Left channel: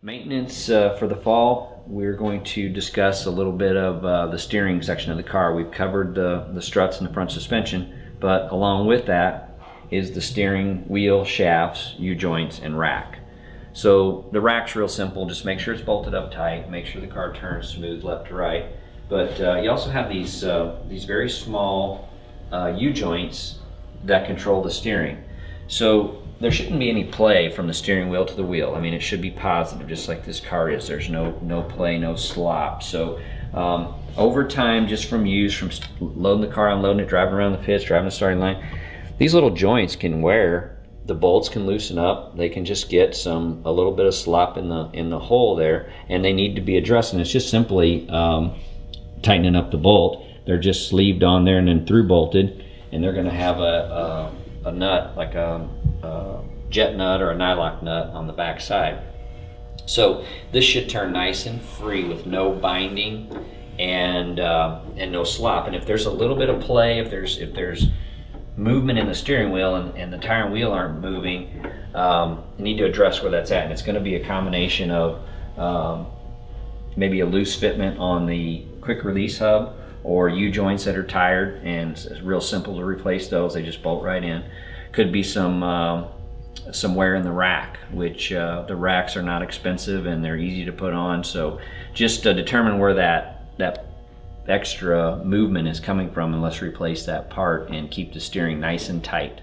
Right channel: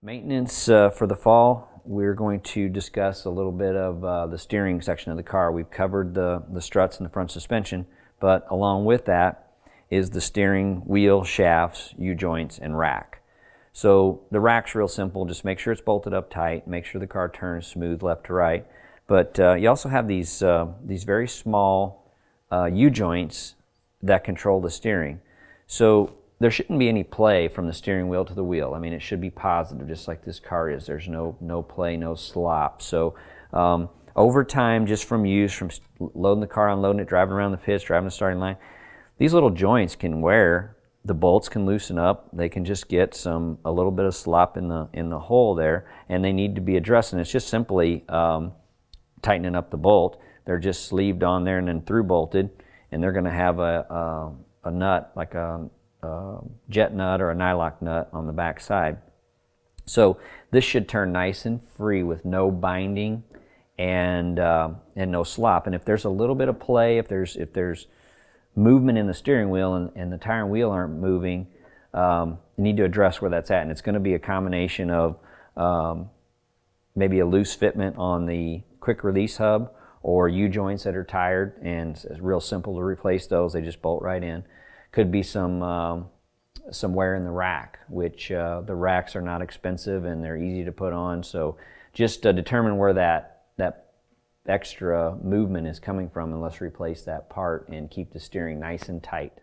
Maintenance for the fall, we're going to discuss a little bit of the steering section of the car. We've covered the struts and the front suspension, but along with that is the steering wheel, shafts, U-joints, and rack. So the rack's real simple. Just make sure it's bolted up tight, make sure the car turns smooth left to right. But you also have these very small U-joints that control the steering. So there shouldn't be any play from the steering wheel to the wheel. I mean, it should be positive, just like this car is. There's no play, no slop. So over time, just from use, from loading the car, unloading it, driving around the pits, driving the starting line, these little joints can wear. The bolts can loosen up. They can just get a little bit of slop in the hole there, and they need to be addressed. And it's just simply tightening up the bolt. They're just sleeved on there and then through bolted, and they're going to have a nut, like a jet nut or a nylock nut on the back side. So this should turn nice and free with no binding and no slop. And if there's a little bit of play, if there's movement in the steering wheel and the tire and wheel aren't moving, you need to address where that's at. And it's going to be a combination of maybe a loose fitment on the quick release hub, or U-joints that are tired, and it's real simple to replace those. They just bolt right in. Could be some wear in the rack, which the racks are not expensive and they're easy to put on. So just determine where that extra movement is coming from, and let's replace that part and keep the steering nice and tight.